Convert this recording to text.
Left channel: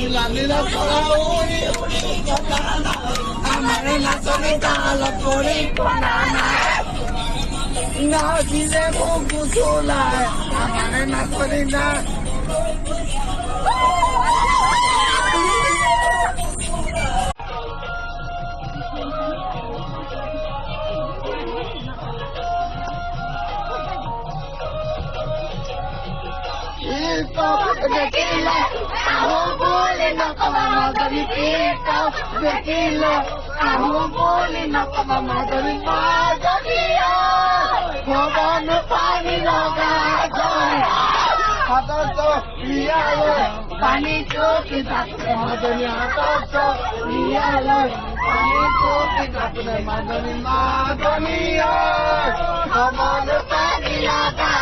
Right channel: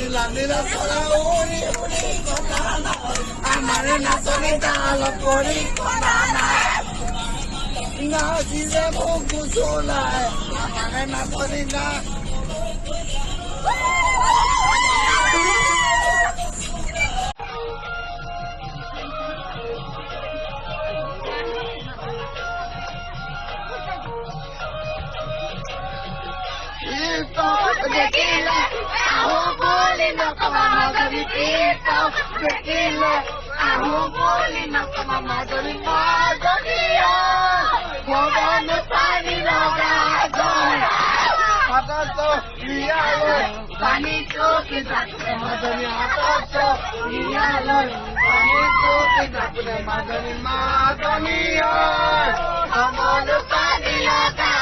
নীলা নীলা চলা উড়ি উড়ি কথা না আমার নাচনি তাল করি কথা না নাচিলে মুখ চুলায় আমার নাচনি না Dekile, aku boleh nak mama dari kita. Dekile, aku boleh nak mama dari pada dia. Jangan pani laga atas tu dia le, pani tu kita madani atas tu dia le, pani tu kita punya madani madani kamu pani laga